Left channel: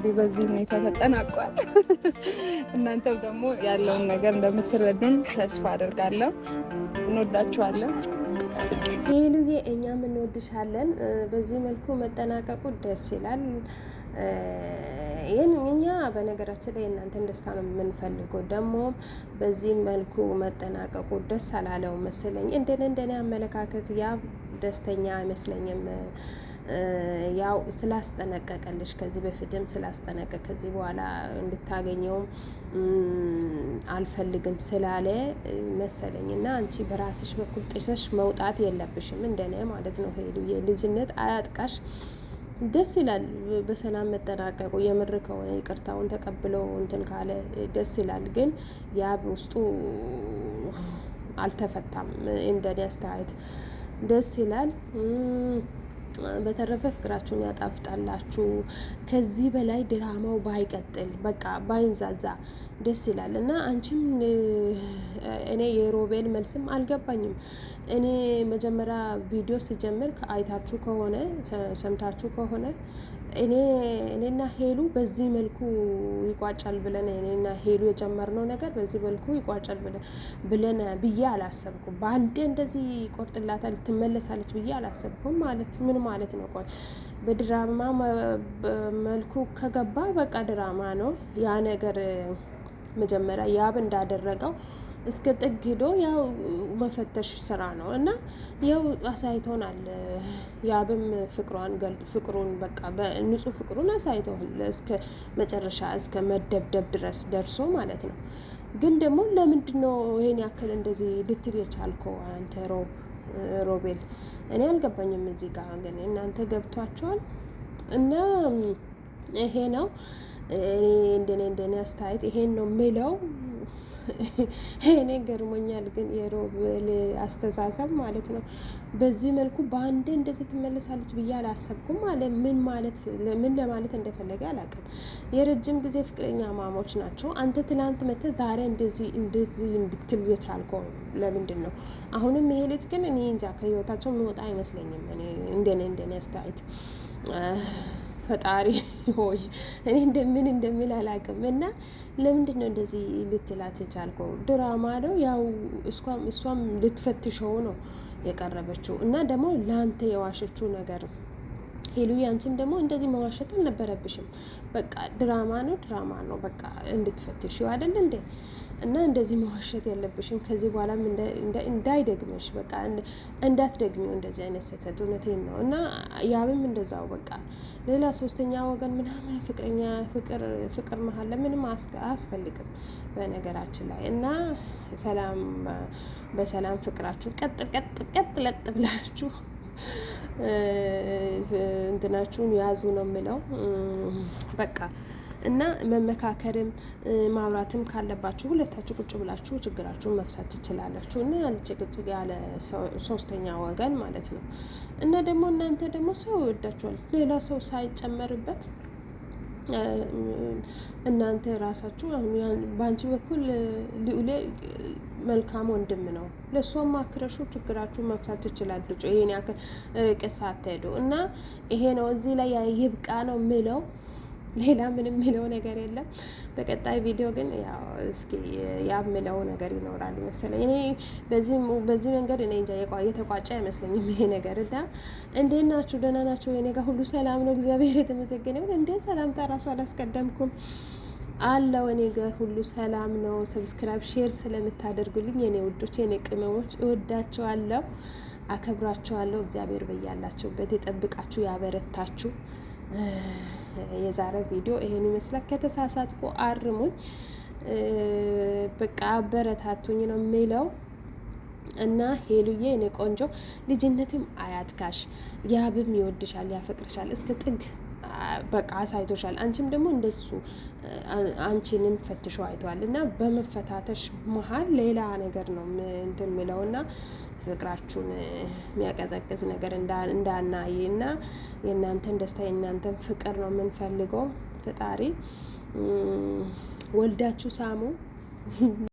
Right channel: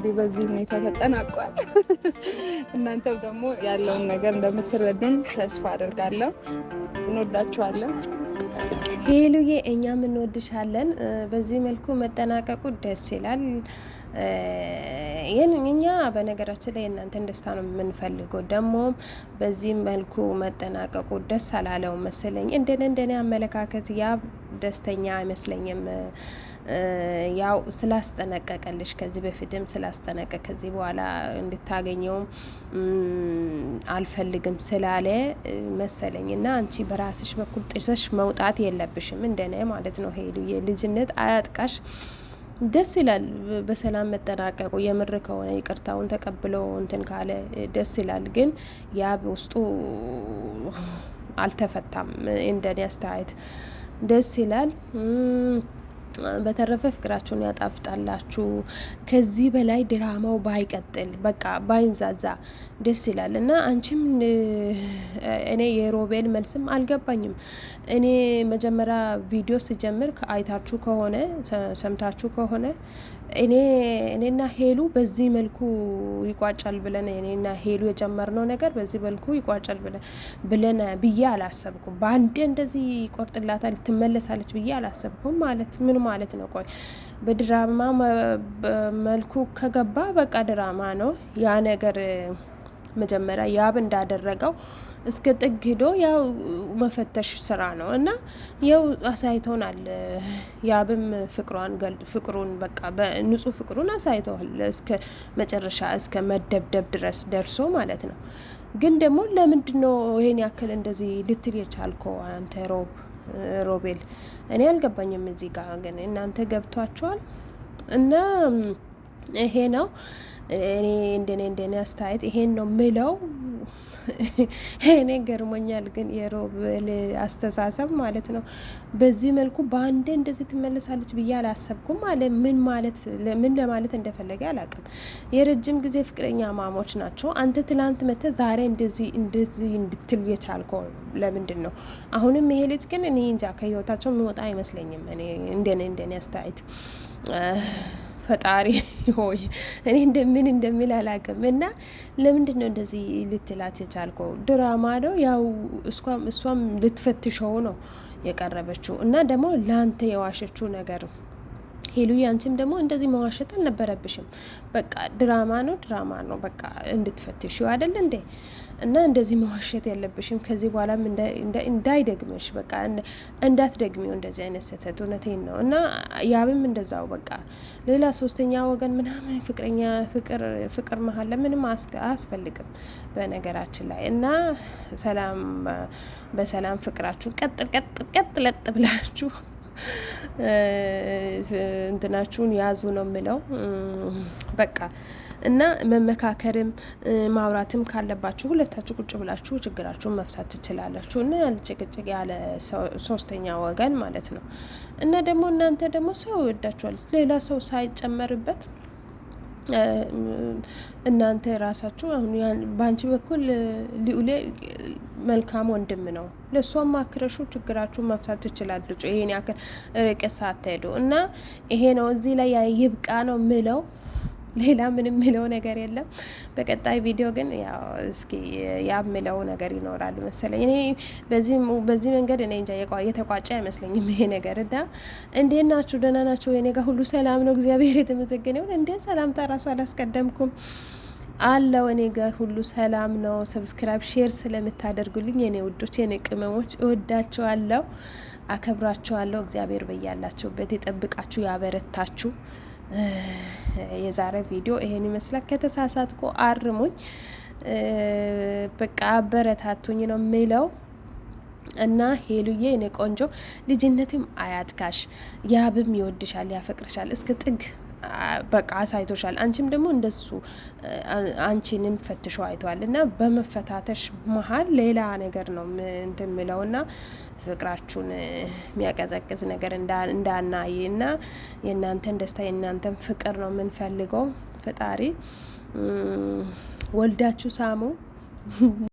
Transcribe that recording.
እንግዲህ በዚህ ሁኔታ ተጠናቋል። እናንተም ደግሞ ያለውን ነገር እንደምትረዱን ተስፋ አድርጋለሁ። እንወዳችኋለን። ሄሉዬ እኛም እንወድሻለን። በዚህ መልኩ መጠናቀቁ ደስ ይላል። እኛ በነገራችን ላይ እናንተን ደስታ ነው የምንፈልገው። ደግሞ በዚህ መልኩ መጠናቀቁ ደስ አላለው መሰለኝ። እንደኔ አመለካከት ያ ደስተኛ አይመስለኝም። ያው ስላስጠነቀቀልሽ ከዚህ በፊትም ስላስጠነቀቅ ከዚህ በኋላ እንድታገኘውም አልፈልግም ስላለ መሰለኝ እና አንቺ በራስሽ በኩል ጥሰሽ መውጣት የለብሽም እንደኔ ማለት ነው። ሄዱ የልጅነት አያጥቃሽ። ደስ ይላል በሰላም መጠናቀቁ። የምር ከሆነ ይቅርታውን ተቀብሎ እንትን ካለ ደስ ይላል። ግን ያ በውስጡ አልተፈታም እንደኔ አስተያየት። ደስ ይላል። በተረፈ ፍቅራችሁን ያጣፍጣላችሁ። ከዚህ በላይ ድራማው ባይቀጥል በቃ ባይንዛዛ ደስ ይላል እና አንቺም እኔ የሮቤል መልስም አልገባኝም። እኔ መጀመሪያ ቪዲዮ ስጀምር አይታችሁ ከሆነ ሰምታችሁ ከሆነ እኔና ሄሉ በዚህ መልኩ ይቋጫል ብለን እኔና ሄሉ የጀመርነው ነገር በዚህ መልኩ ይቋጫል ብለን ብዬ አላሰብኩም። በአንዴ እንደዚህ ይቆርጥላታል ትመለሳለች ብዬ አላሰብኩም። ማለት ምን ማለት ነው? ቆይ በድራማ መልኩ ከገባ በቃ ድራማ ነው ያ ነገር። መጀመሪያ ያብ እንዳደረገው እስከ ጥግ ሄዶ ያው መፈተሽ ስራ ነው እና ያው አሳይቶናል። ያብም ፍቅሩን በቃ በንጹህ ፍቅሩን አሳይተዋል እስከ መጨረሻ እስከ መደብደብ ድረስ ደርሶ ማለት ነው። ግን ደግሞ ለምንድነው ይሄን ያክል እንደዚህ ልትል የቻልከው አንተ ሮቤል? እኔ አልገባኝም። እዚህ ጋር ግን እናንተ ገብቷችኋል እና ይሄ ነው እንደኔ አስተያየት ይሄን ነው ምለው። እኔ ገርሞኛል ግን የሮቤል አስተሳሰብ ማለት ነው። በዚህ መልኩ በአንዴ እንደዚህ ትመለሳለች ብዬ አላሰብኩም። ምን ለማለት እንደፈለገ አላውቅም። የረጅም ጊዜ ፍቅረኛ ማሞች ናቸው። አንተ ትላንት መተህ ዛሬ እንደዚህ እንድትል የቻልከው ለምንድን ነው? አሁንም ይሄ ልጅ ግን እኔ እንጃ ከህይወታቸው የሚወጣ አይመስለኝም። እንደኔ አስተያየት ፈጣሪ ሆይ እኔ እንደሚል አላውቅም። እና ለምንድን ነው እንደዚህ ልትላት የቻልከው? ድራማ ነው ያው እሷም ልትፈትሸው ነው የቀረበችው እና ደግሞ ለአንተ የዋሸችው ነገር ሄሉ አንቺም ደግሞ እንደዚህ መዋሸት አልነበረብሽም። በቃ ድራማ ነው በቃ እንድትፈትሽው አይደል እንዴ? እና እንደዚህ መዋሸት የለብሽም። ከዚህ በኋላም እንዳይደግምሽ በቃ እንዳትደግሚው እንደዚህ አይነት ስህተት። እውነቴን ነው። እና ያብም እንደዛው በቃ ሌላ ሶስተኛ ወገን ምናምን ፍቅር መሀል ለምንም አያስፈልግም በነገራችን ላይ። እና በሰላም ፍቅራችሁ ቀጥ ለጥ ብላችሁ እንትናችሁን ያዙ ነው የምለው በቃ። እና መመካከርም ማውራትም ካለባችሁ ሁለታችሁ ቁጭ ብላችሁ ችግራችሁን መፍታት ትችላላችሁ። እና ያለ ጭቅጭቅ ያለ ሶስተኛ ወገን ማለት ነው። እና ደግሞ እናንተ ደግሞ ሰው ይወዳችኋል ሌላ ሰው ሳይጨመርበት እናንተ ራሳችሁ አሁን በአንቺ በኩል ልዑሌ መልካም ወንድም ነው። ለእሷም ማክረሹ ችግራችሁን መፍታት ትችላለች። ይሄን ያክል ርቀት ሳትሄዱ እና ይሄ ነው እዚህ ላይ ይብቃ ነው ምለው። ሌላ ምንም ምለው ነገር የለም። በቀጣይ ቪዲዮ ግን ያው እስኪ ያምለው ነገር ይኖራል መሰለኝ። እኔ በዚህ መንገድ እኔ እንጃ የተቋጨ አይመስለኝም ይሄ ነገር። እና እንዴት ናችሁ? ደህና ናችሁ? እኔ ጋር ሁሉ ሰላም ነው፣ እግዚአብሔር የተመሰገነ ይሁን። እንዴ ሰላምታ ራሱ አላስቀደምኩም አለው። እኔ ጋር ሁሉ ሰላም ነው። ሰብስክራይብ ሼር ስለምታደርጉልኝ የኔ ውዶች የኔ ቅመሞች እወዳችኋለሁ፣ አከብራችኋለሁ። እግዚአብሔር በያላችሁበት የጠብቃችሁ ያበረታችሁ። የዛሬ ቪዲዮ ይሄን ይመስላል። ከተሳሳትኩ አርሙኝ፣ በቃ አበረታቱኝ ነው የሚለው። እና ሄሉዬ እኔ ቆንጆ ልጅነትም አያጥካሽ። ያብም ይወድሻል፣ ያፈቅርሻል እስከ ጥግ በቃ አሳይቶሻል። አንቺም ደግሞ እንደሱ አንቺንም ፈትሾ አይቷል። እና በመፈታተሽ መሀል ሌላ ነገር ነው እንደምለው እና ፍቅራችሁን የሚያቀዘቅዝ ነገር እንዳናይ እና የእናንተን ደስታ የእናንተን ፍቅር ነው የምንፈልገው። ፈጣሪ ወልዳችሁ ሳሙ።